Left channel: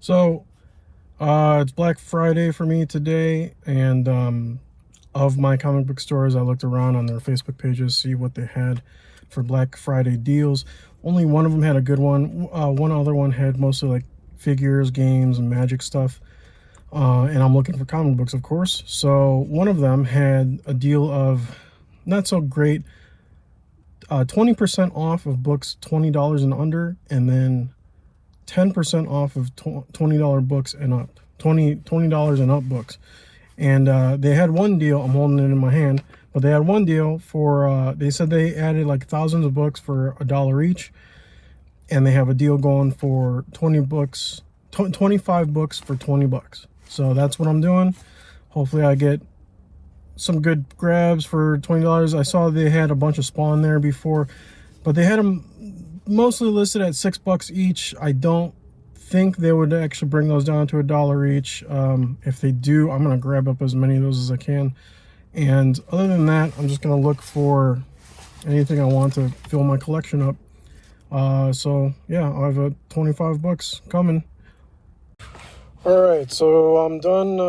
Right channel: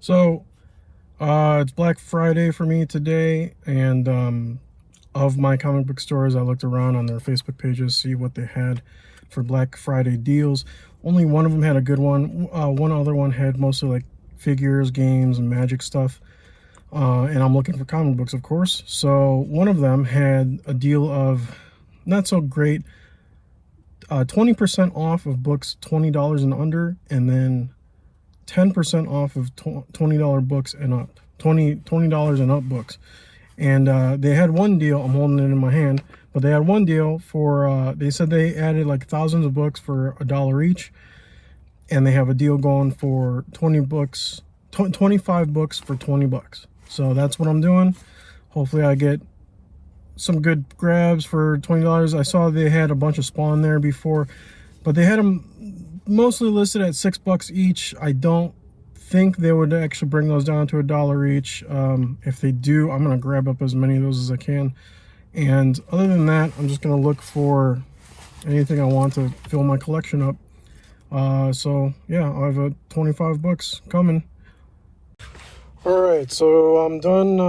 So, it's Black Friday for me today, and of my comic book stores, I looked around on their Facebook pages, see what they had for Black Friday deals. Only one of them had a good one. One other one had mostly like figures, games, and magic stuff. And I'm looking for comic books, of course. So one of them had a deal of not so great, 20% off of books $20 and under, and then 10% off of $20 books and up. $20 and up books. And they had one deal, I'm holding it in my hand, but they had one deal for, they said they added like thousands of books for $1 each. And they have a deal going for 25 books for $20. So that's what I'm doing. Hopefully I get some good grabs for $20. I saw they had a bunch of Spawn there before, but they had them mostly listed at $6 each. I don't think they would actually bring those down to $1 each. If they do, I'm gonna grab up as many of those as I can. And other than that, I'm just gonna look for anything I want to fill my collection up. So yeah, I have 25 bucks coming. All right, so I'm done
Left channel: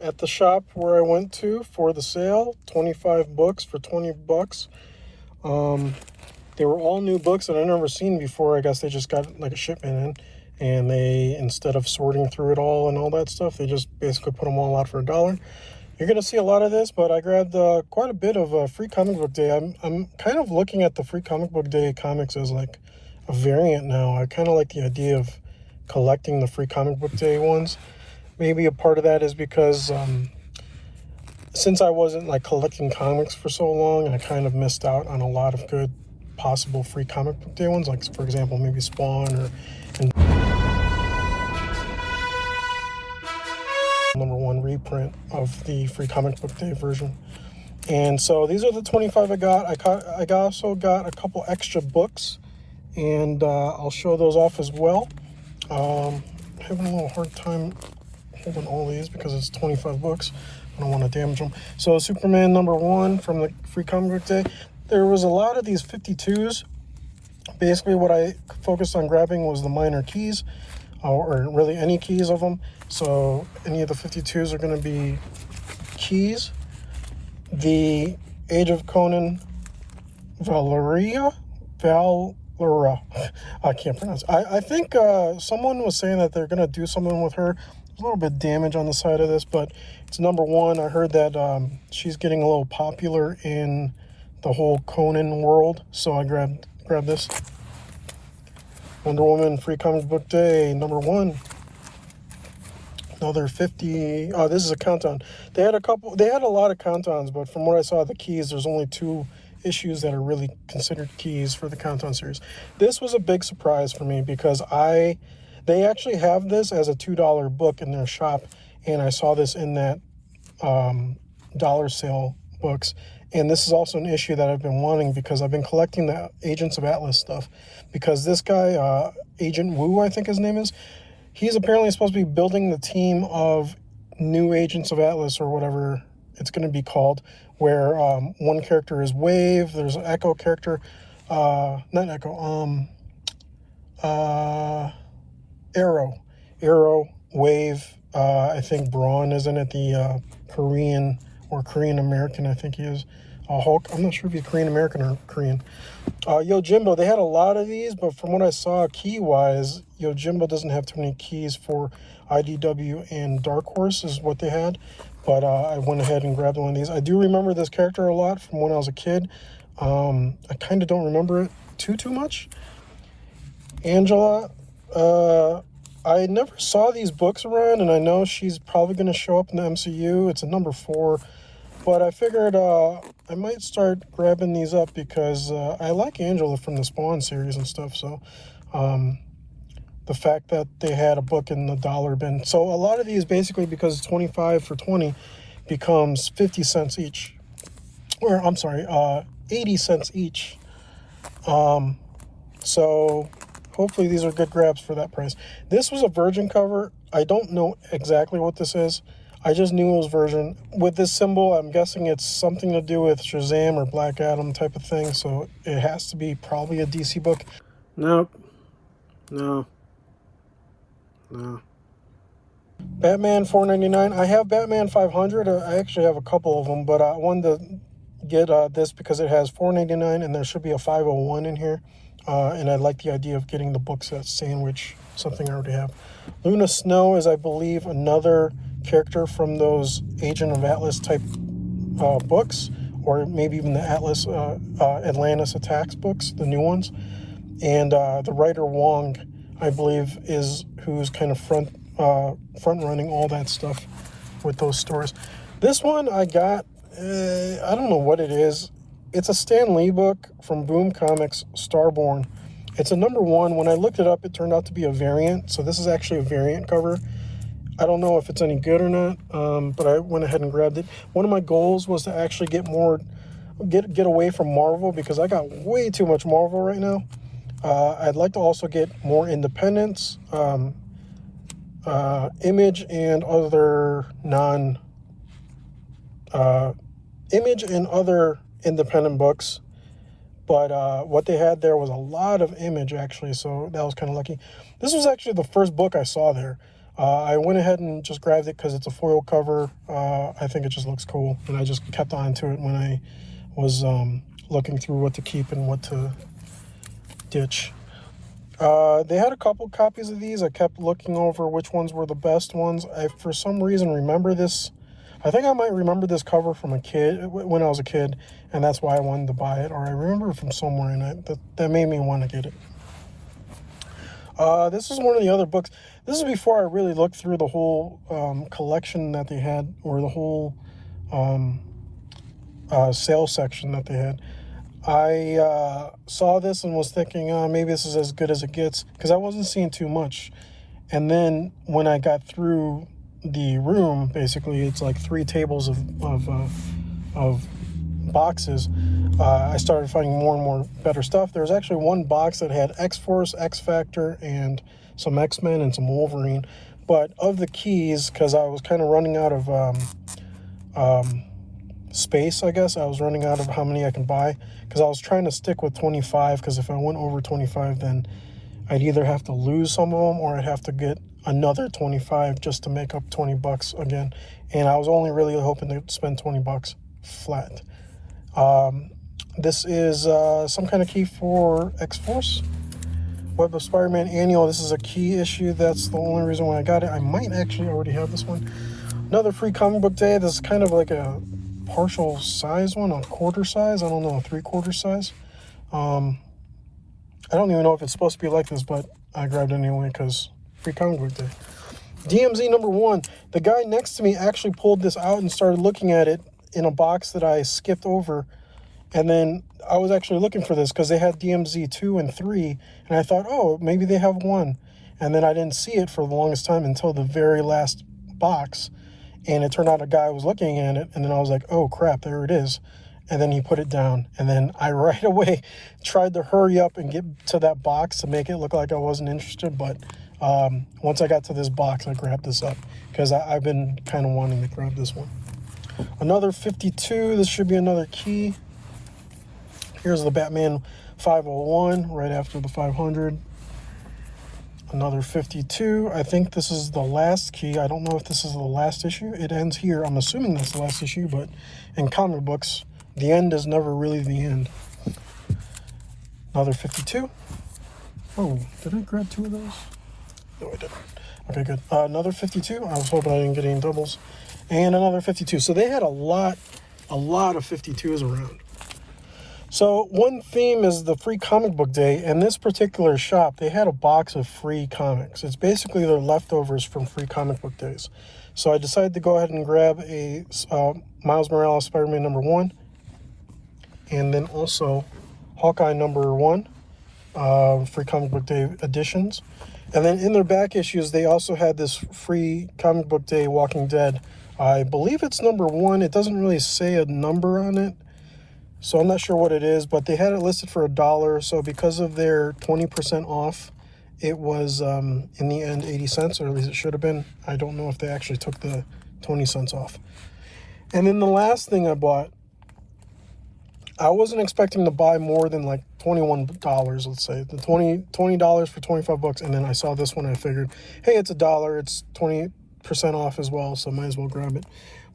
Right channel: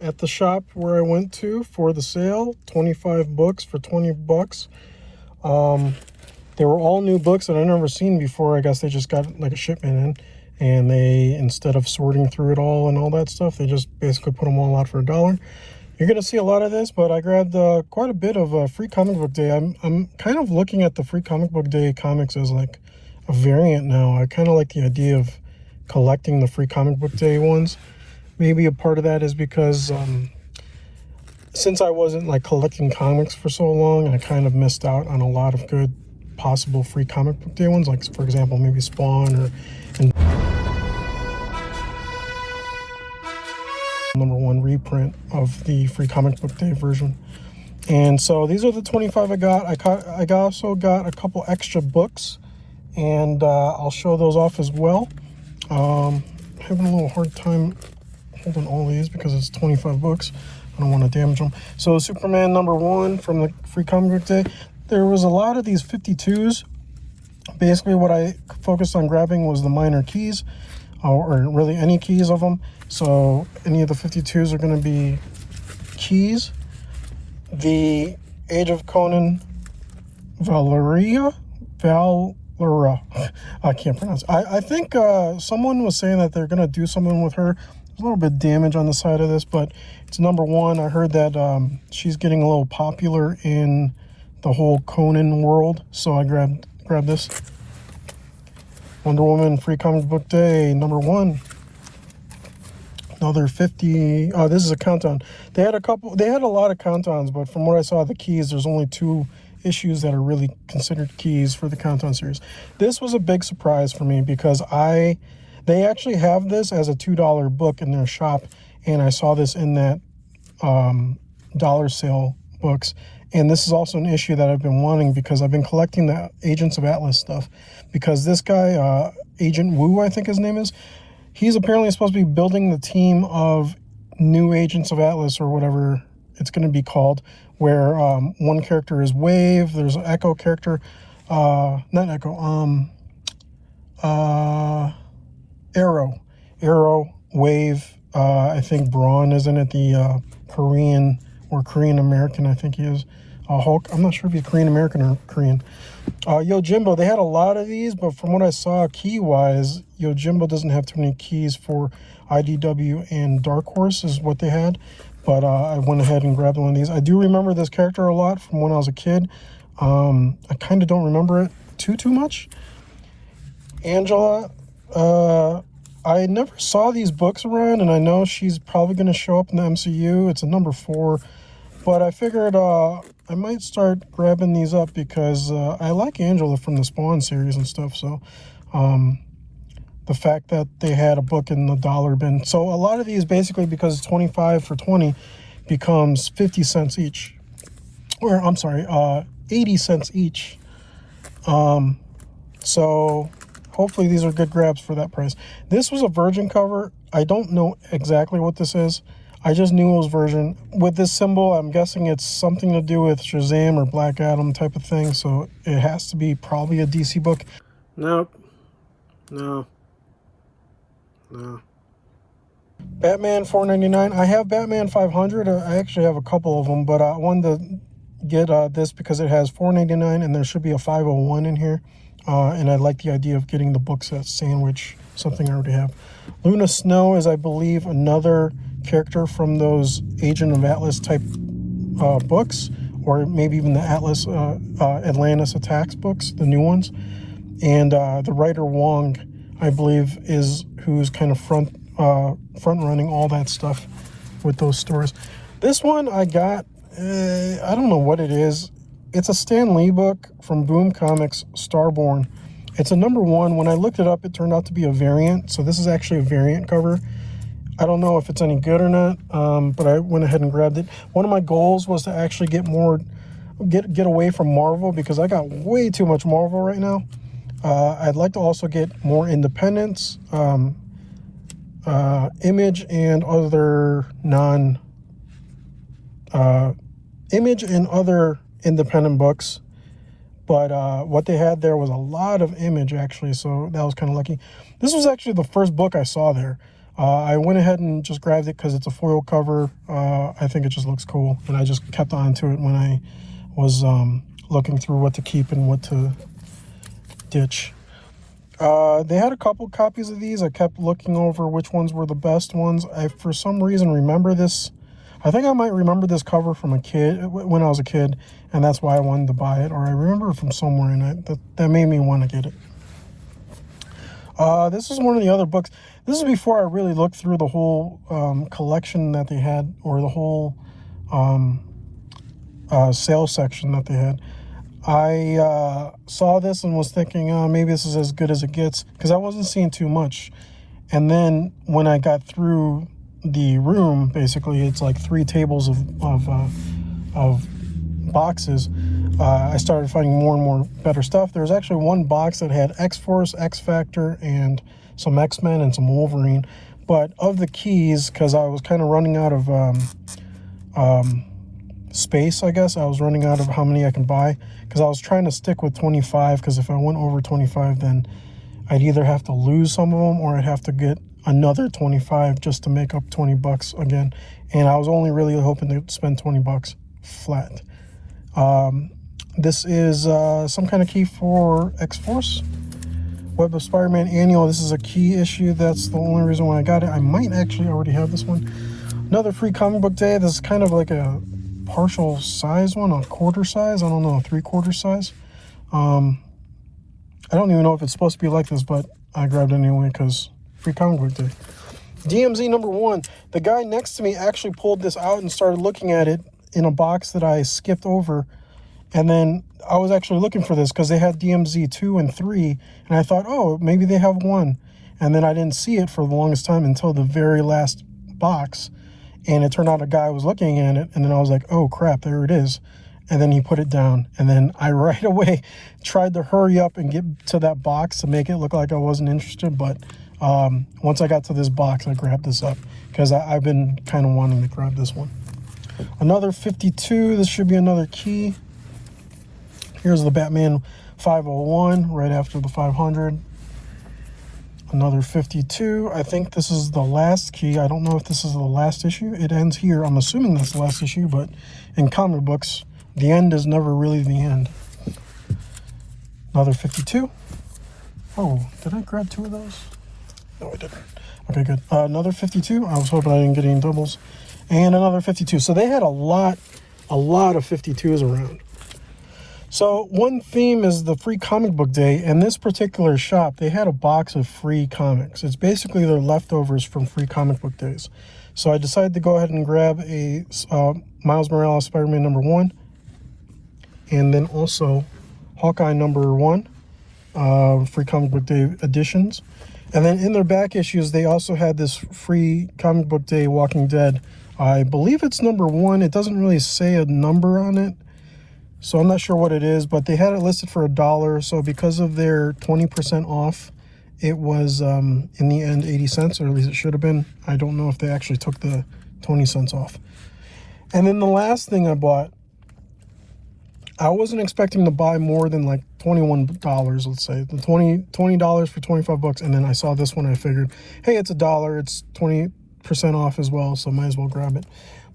at the shop where I went to for the sale. 25 books for 20 bucks. They were all new books that I'd never seen before. I guess they just got like a shipment in, and they, instead of sorting through it all and all that stuff, they just basically put them all out for $1. You're gonna see a lot of this, but I grabbed quite a bit of Free Comic Book Day. I'm kind of looking at the Free Comic Book Day comics as like a variant now. I kind of like the idea of collecting the Free Comic Book Day ones. Maybe a part of that is because since I wasn't like collecting comics for so long, I kind of missed out on a lot of good possible Free Comic Book Day ones, like for example maybe Spawn or #1 reprint of the Free Comic Book Day version. And so these are the 25 I got. I also got a couple extra books, and I'll show those off as well. Having a little hard time holding all these because it's 25 bucks. I don't want to damage them. So Superman #1 from the Free Comic Book Day. There was a lot of these 52s. Basically what I focused on grabbing was the minor keys, or really any keys of them. So any of the 52s are going to be keys. The Age of Conan Valera, I can't pronounce it. I think someone was saying that they're going to do something with her. A little bit of damage on the side of this, but it's #1. I heard that she's getting a little popular in the whole Conan world, so I grabbed this. Wonder Woman Free Comic Book Day #1. Another 50. Oh, this is a countdown. They had a lot of countdowns, but from what I saw, the keys, there's only 2 issues that are really considered keys for the countdown series. This was a big surprise for me because they actually have this as a $2 book in their shop, and I saw this in that dollar sale books. And this is also an issue that I've been wanting because I've been collecting the Agents of Atlas stuff, because this guy, Agent Wu, I think his name is, he's apparently supposed to be building the team of new Agents of Atlas, or whatever it's going to be called, where one character is Wave, there's an Echo character, not Echo, Arrow, Wave, I think Braun is in it, the Korean or Korean American, I think he is, Hulk. I'm not sure if he's Korean American or Korean. Yojimbo, they had a lot of these, but from what I saw key-wise, Yojimbo doesn't have too many keys for IDW and Dark Horse is what they had. But I went ahead and grabbed one of these. I do remember this character a lot from when I was a kid. I kind of don't remember it too much. Angela, I never saw these books around, and I know she's probably going to show up in the MCU. It's a #4, but I figured I might start grabbing these up because I like Angela from the Spawn series and stuff. So the fact that they had a book in the dollar bin. So a lot of these, basically, because it's 25 for 20, becomes 50 cents each. Or, I'm sorry, 80 cents each. So hopefully these are good grabs for that price. This was a Virgin cover. I don't know exactly what this is. I just knew it was Virgin. With this symbol, I'm guessing it's something to do with Shazam or Black Adam type of thing. So it has to be probably a DC book. Nope. No. Batman $4.99. I have Batman 500. I actually have a couple of them, but I wanted to get this because it has $4.99 and there should be a 501 in here. And I like the idea of getting the book set sandwich, something I already have. Luna Snow is, I believe, another character from those Agent of Atlas type books, or maybe even the Atlas Atlantis Attacks books, the new ones. And the writer Wong, I believe, is who's kind of front running all that stuff with those stories. This one I got, I don't know what it is. It's a Stan Lee book from Boom Comics, Starborn. It's a #1. When I looked it up, it turned out to be a variant. So this is actually a variant cover. I don't know if it's any good or not, but I went ahead and grabbed it. One of my goals was to actually get away from Marvel, because I got way too much Marvel right now. I'd like to also get more independents, Image and other Image and other independent books. But what they had there was a lot of Image, actually, so that was kind of lucky. This was actually the first book I saw there. I went ahead and just grabbed it because it's a foil cover. I think it just looks cool, and I just kept on to it when I was looking through what to keep and what to ditch. They had a couple copies of these. I kept looking over which ones were the best ones. I, for some reason, remember this. I think I might remember this cover from when I was a kid, and that's why I wanted to buy it. Or I remember it from somewhere, and that made me want to get it. This is one of the other books. This is before I really looked through the whole collection that they had, or the whole sales section that they had. I saw this and was thinking, maybe this is as good as it gets, because I wasn't seeing too much. And then when I got through the room, basically it's like 3 tables of boxes. I started finding more and more better stuff. There was actually one box that had X-Force, X-Factor, and some X-Men and some Wolverine. But of the keys, because I was kind of running out of space, I guess. I was running out of how many I can buy, because I was trying to stick with 25, because if I went over 25, then I'd either have to lose some of them or I'd have to get another 25 just to make up 20 bucks again. And I was only really hoping to spend 20 bucks flat. This is some kind of key for X-Force. Web of Spiderman Annual. This is a key issue. That's the only reason why I got it. I might actually already have this one. Another free comic book day. This is kind of like a partial size one, a quarter size. I don't know, a 3/4 size. I don't even know if it's supposed to be like this, but I grabbed it anyway because free comic book day. DMZ #1. The guy next to me actually pulled this out and started looking at it in a box that I skipped over. And then I was actually looking for this because they had DMZ 2 and 3. And I thought, oh, maybe they have 1. And then I didn't see it for the longest time until the very last box. And it turned out a guy was looking at it. And then I was like, oh, crap, there it is. And then he put it down. And then I right away tried to hurry up and get to that box to make it look like I wasn't interested. But once I got to this box, I grabbed this up because I've been kind of wanting to grab this one. Another 52. This should be another key. Here's the Batman 501 right after the 500. Another 52. I think this is the last key. I don't know if this is the last issue. It ends here. I'm assuming that's the last issue, but in comic books, the end is never really the end. Another 52. Oh, did I grab 2 of those? No, I didn't. Okay, good. Another 52. I was hoping I didn't get any doubles. And another 52. So they had a lot of 52s around. So one theme is the free comic book day, and this particular shop, they had a box of free comics. It's basically their leftovers from free comic book days. So I decided to go ahead and grab a Miles Morales Spider-Man #1, and then also Hawkeye #1, free comic book day editions. And then in their back issues, they also had this free comic book day Walking Dead. I believe it's #1. It doesn't really say a number on it, so I'm not sure what it is, but they had it listed for $1. So because of their 20% off, it was in the end 80 cents, or at least it should have been. I don't know if they actually took the 20 cents off. And then the last thing I bought, I wasn't expecting to buy more than like $21, let's say. The $20 for 25 bucks, and then I saw this one, I figured, hey, it's $1, it's 20% off as well, so might as well grab it.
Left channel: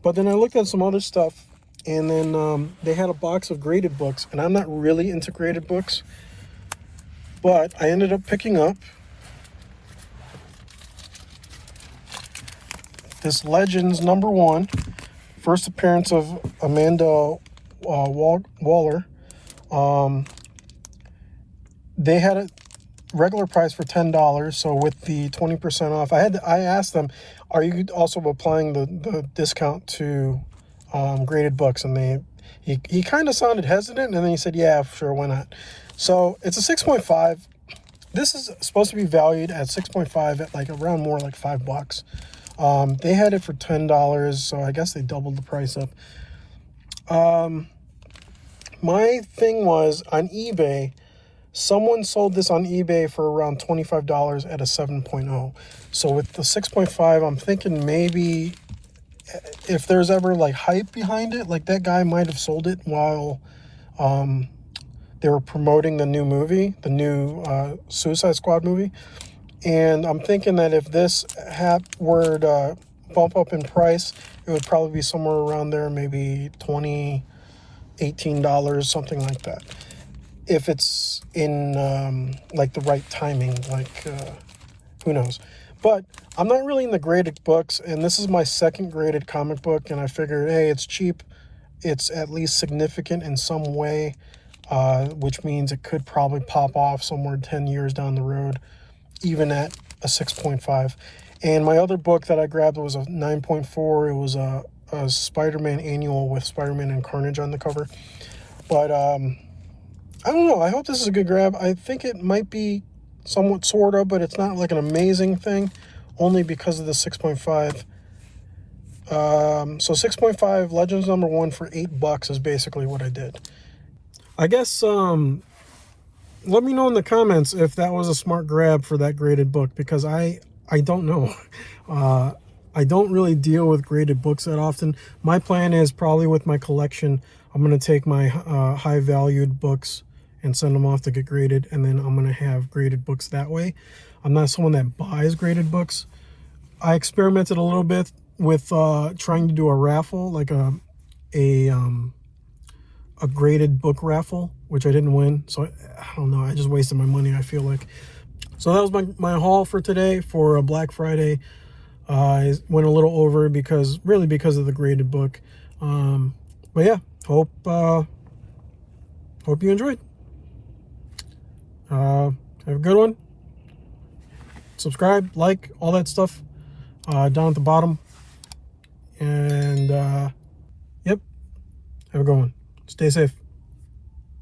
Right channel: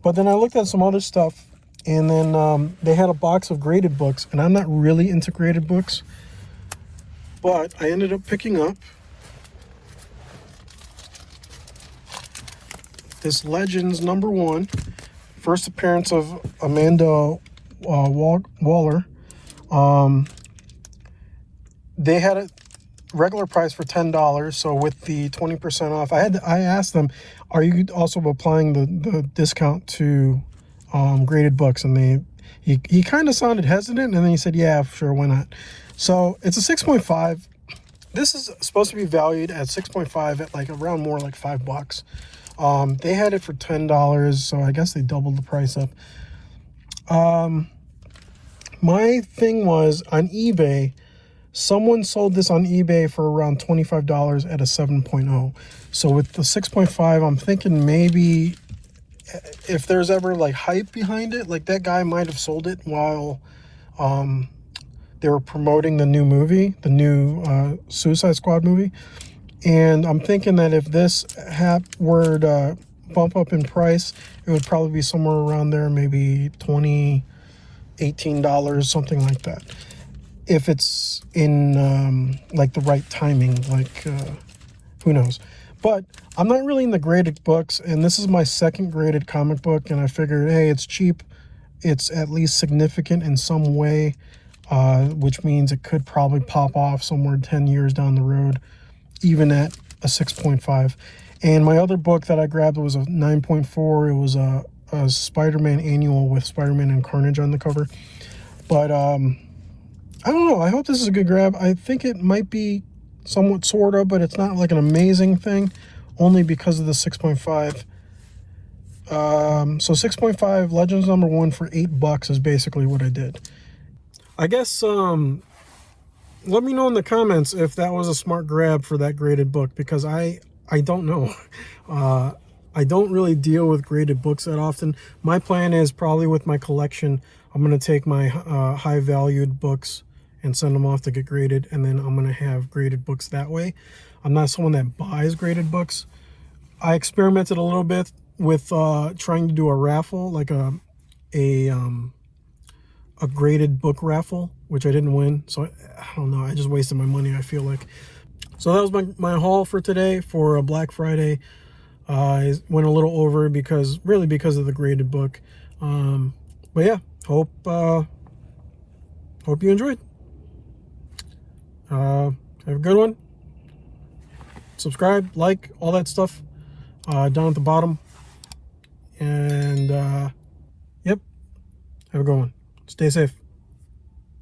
But then I looked at some other stuff, and then they had a box of graded books, and I'm not really into graded books, but I ended up picking up this Legends #1, first appearance of Amanda Waller. They had a regular price for $10, so with the 20% off, I asked them, are you also applying the discount to graded books? And he kind of sounded hesitant, and then he said, yeah, sure, why not? So it's a 6.5. This is supposed to be valued at 6.5 at like around more like $5. They had it for $10, so I guess they doubled the price up. My thing was on eBay, someone sold this on eBay for around $25 at a 7.0. So with the 6.5, I'm thinking maybe if there's ever like hype behind it, like that guy might have sold it while they were promoting the new movie, the new Suicide Squad movie. And I'm thinking that if this were to bump up in price, it would probably be somewhere around there, maybe $20, $18, something like that. If it's in like the right timing, like who knows. But I'm not really in the graded books, and this is my second graded comic book, and I figured, hey, it's cheap. It's at least significant in some way, which means it could probably pop off somewhere 10 years down the road, even at a 6.5. And my other book that I grabbed was a 9.4. It was a Spiderman Annual with Spiderman and Carnage on the cover. But I don't know. I hope this is a good grab. I think it might be somewhat sort of, but it's not like an amazing thing, only because of the 6.5. So 6.5 Legends #1 for $8 is basically what I did. I guess let me know in the comments if that was a smart grab for that graded book, because I don't know. I don't really deal with graded books that often. My plan is probably with my collection, I'm going to take my high valued books and send them off to get graded, and then I'm going to have graded books that way. I'm not someone that buys graded books. I experimented a little bit with trying to do a raffle, like a graded book raffle, which I didn't win. So I don't know, I just wasted my money, I feel like. So that was my haul for today for Black Friday. I went a little over because of the graded book. But yeah, hope you enjoyed. Have a good one. Subscribe, like, all that stuff down at the bottom. And yep, have a good one. Stay safe.